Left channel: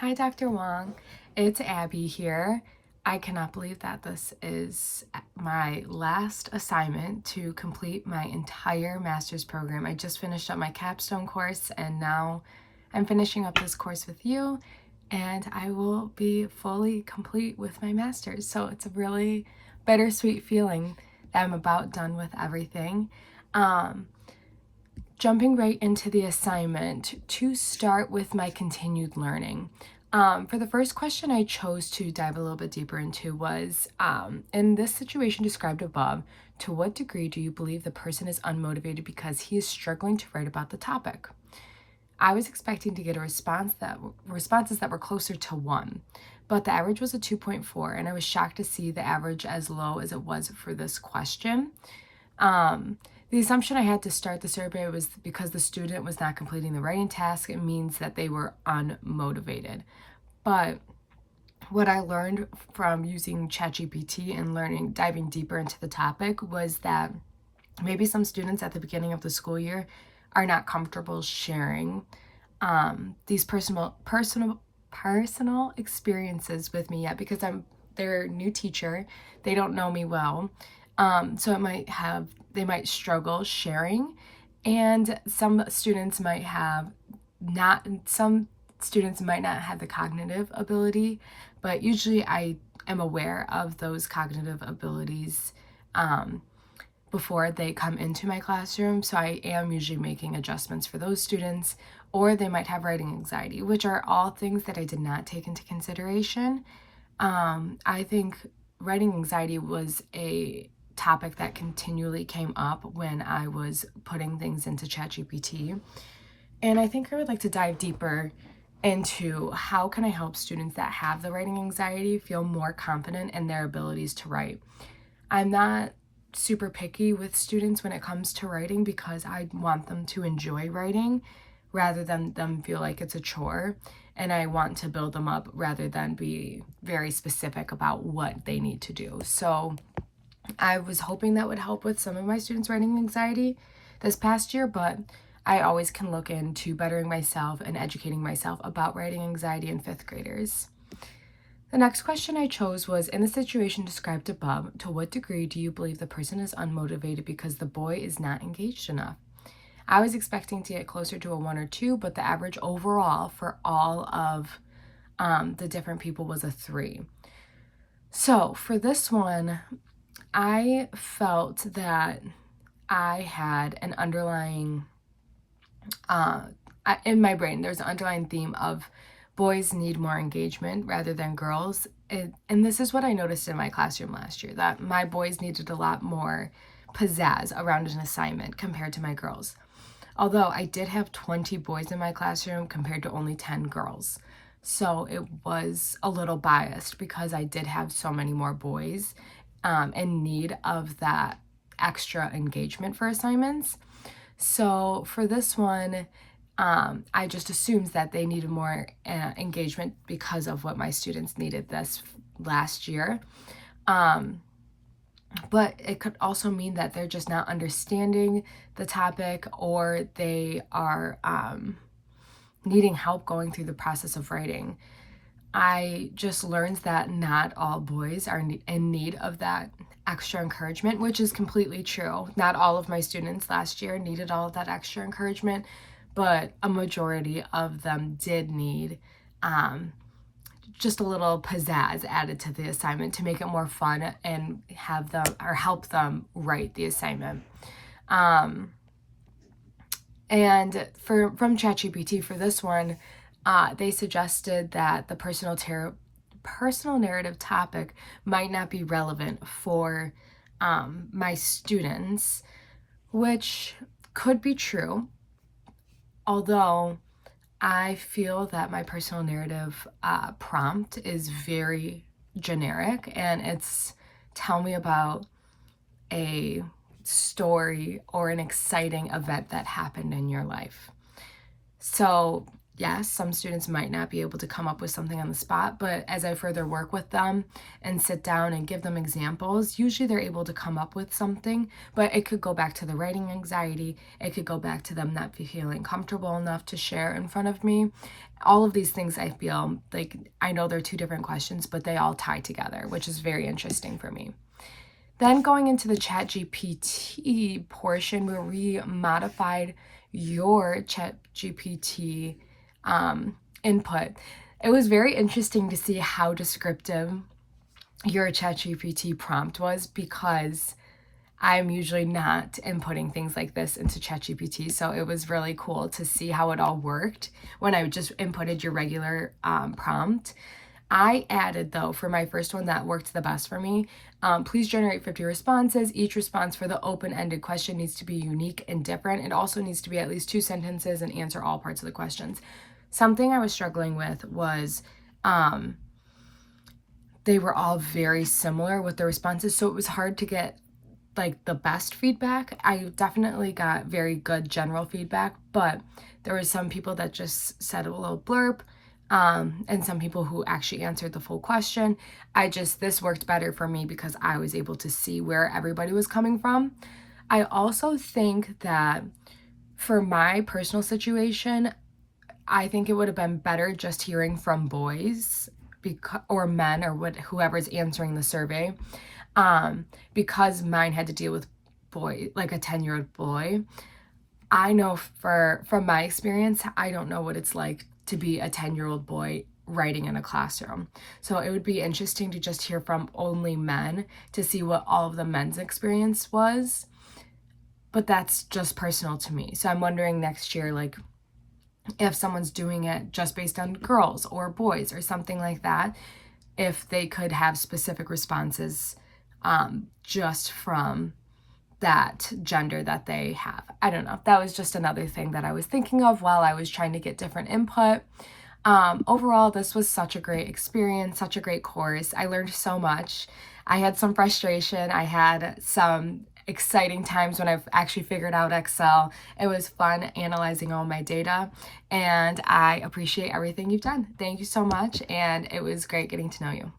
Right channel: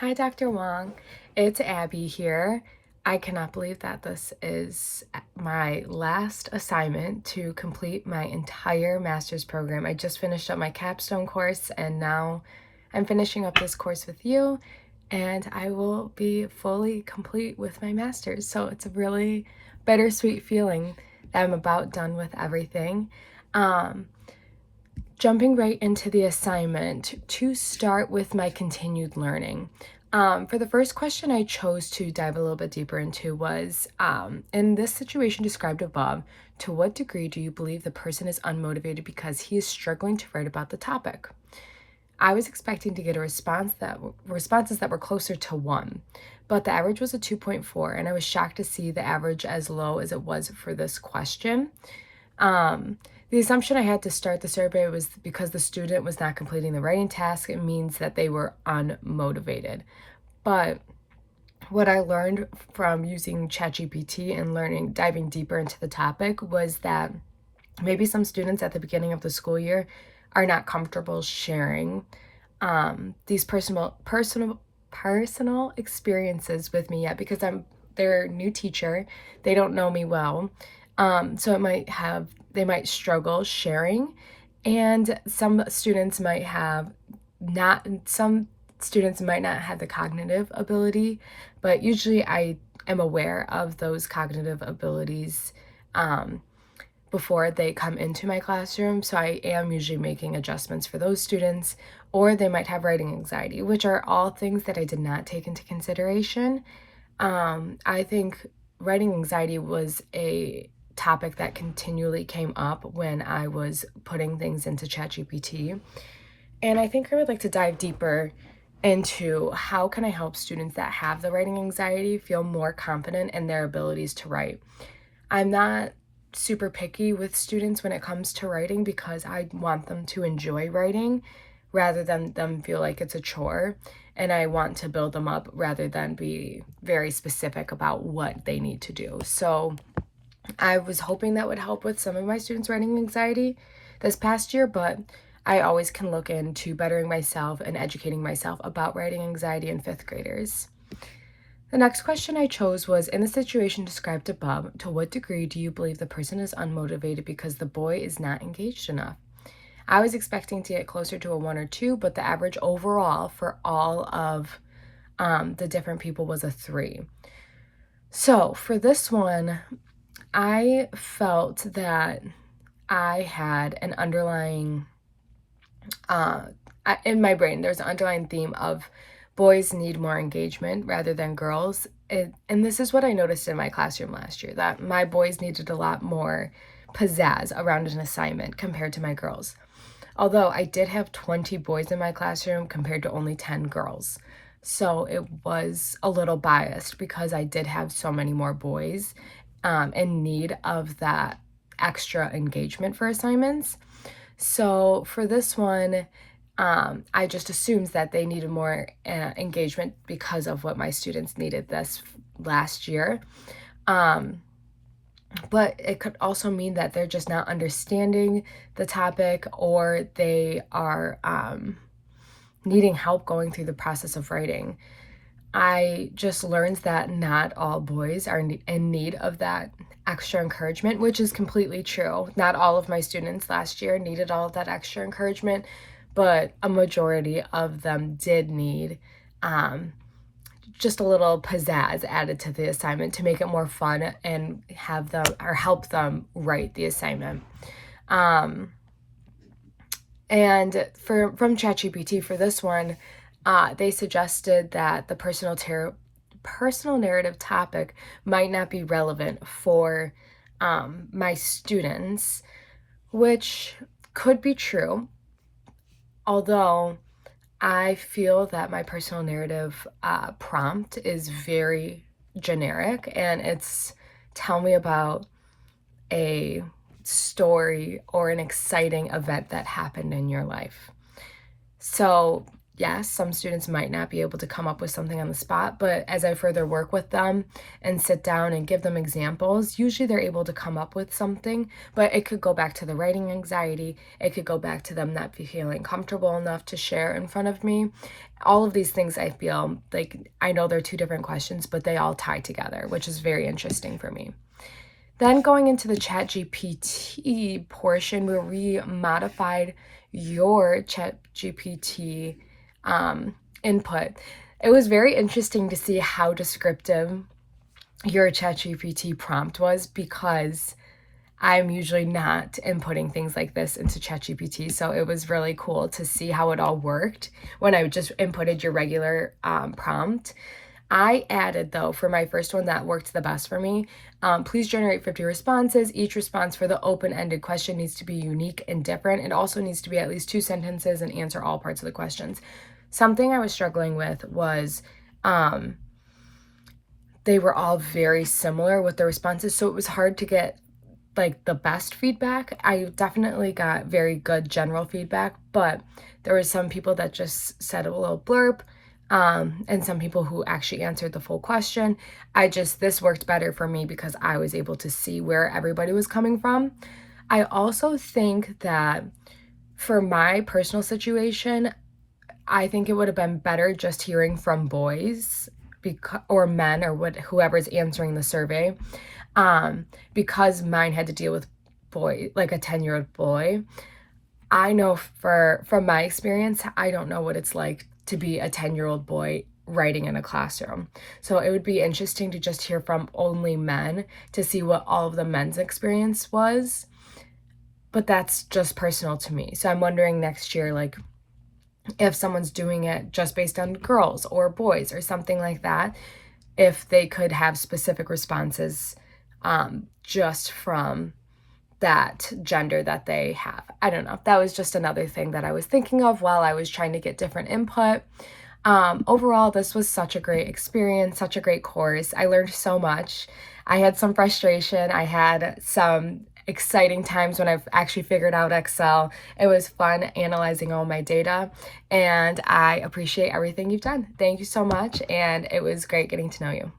Hi, Dr. Wong. It's Abby here. I cannot believe that this is my last assignment to complete my entire master's program. I just finished up my capstone course and now I'm finishing up this course with you, and I will be fully complete with my master's. So it's a really bittersweet feeling that I'm about done with everything. Um, Jumping right into the assignment to start with my continued learning. For the first question I chose to dive a little bit deeper into was, in this situation described above, to what degree do you believe the person is unmotivated because he is struggling to write about the topic? I was expecting to get responses that were closer to 1, but the average was a 2.4, and I was shocked to see the average as low as it was for this question. Um, the assumption I had to start the survey was because the student was not completing the writing task, it means that they were unmotivated. But what I learned from using ChatGPT and diving deeper into the topic was that maybe some students at the beginning of the school year are not comfortable sharing these personal experiences with me yet, because I'm their new teacher. They don't know me well. So they might struggle sharing, and some students might not have the cognitive ability, but usually I am aware of those cognitive abilities before they come into my classroom. So I am usually making adjustments for those students, or they might have writing anxiety, which are all things that I did not take into consideration. I think writing anxiety was a topic that continually came up when I was putting things into ChatGPT. And I think I would like to dive deeper into how can I help students that have the writing anxiety feel more confident in their abilities to write. I'm not super picky with students when it comes to writing because I want them to enjoy writing rather than them feel like it's a chore. And I want to build them up rather than be very specific about what they need to do. So I was hoping that would help with some of my students' writing anxiety this past year, but I always can look into bettering myself and educating myself about writing anxiety in fifth graders. The next question I chose was, in the situation described above, to what degree do you believe the person is unmotivated because the boy is not engaged enough? I was expecting to get closer to a 1 or 2, but the average overall for all of the different people was a 3. So for this one, I felt that I had an underlying, in my brain, there's an underlying theme of boys need more engagement rather than girls. And this is what I noticed in my classroom last year, that my boys needed a lot more pizzazz around an assignment compared to my girls. Although I did have 20 boys in my classroom compared to only 10 girls. So it was a little biased because I did have so many more boys in need of that extra engagement for assignments. So for this one, I just assumed that they needed more engagement because of what my students needed this last year. But it could also mean that they're just not understanding the topic, or they are needing help going through the process of writing. I just learned that not all boys are in need of that extra encouragement, which is completely true. Not all of my students last year needed all of that extra encouragement, but a majority of them did need just a little pizzazz added to the assignment to make it more fun and have them or help them write the assignment. And from ChatGPT for this one, they suggested that the personal narrative topic might not be relevant for my students, which could be true. Although I feel that my personal narrative prompt is very generic, and it's tell me about a story or an exciting event that happened in your life. So yes, some students might not be able to come up with something on the spot, but as I further work with them and sit down and give them examples, usually they're able to come up with something. But it could go back to the writing anxiety, it could go back to them not feeling comfortable enough to share in front of me. All of these things, I feel like, I know they're two different questions, but they all tie together, which is very interesting for me. Then going into the ChatGPT portion, where we modified your ChatGPT input, it was very interesting to see how descriptive your ChatGPT prompt was, because I'm usually not inputting things like this into ChatGPT. So it was really cool to see how it all worked when I just inputted your regular prompt. I added, though, for my first one that worked the best for me, please generate 50 responses. Each response for the open-ended question needs to be unique and different. It also needs to be at least 2 sentences and answer all parts of the questions. Something I was struggling with was they were all very similar with the responses, so it was hard to get like the best feedback. I definitely got very good general feedback, but there were some people that just said a little blurb, and some people who actually answered the full question. This worked better for me because I was able to see where everybody was coming from. I also think that for my personal situation, I think it would have been better just hearing from boys or men, or whoever's answering the survey, because mine had to deal with like a 10-year-old boy. I know from my experience, I don't know what it's like to be a 10-year-old boy writing in a classroom. So it would be interesting to just hear from only men to see what all of the men's experience was. But that's just personal to me. So I'm wondering next year, like, if someone's doing it just based on girls or boys or something like that, if they could have specific responses just from that gender that they have. I don't know. That was just another thing that I was thinking of while I was trying to get different input. Overall, this was such a great experience, such a great course. I learned so much. I had some frustration. I had some exciting times when I've actually figured out Excel. It was fun analyzing all my data, and I appreciate everything you've done. Thank you so much, and it was great getting to know you.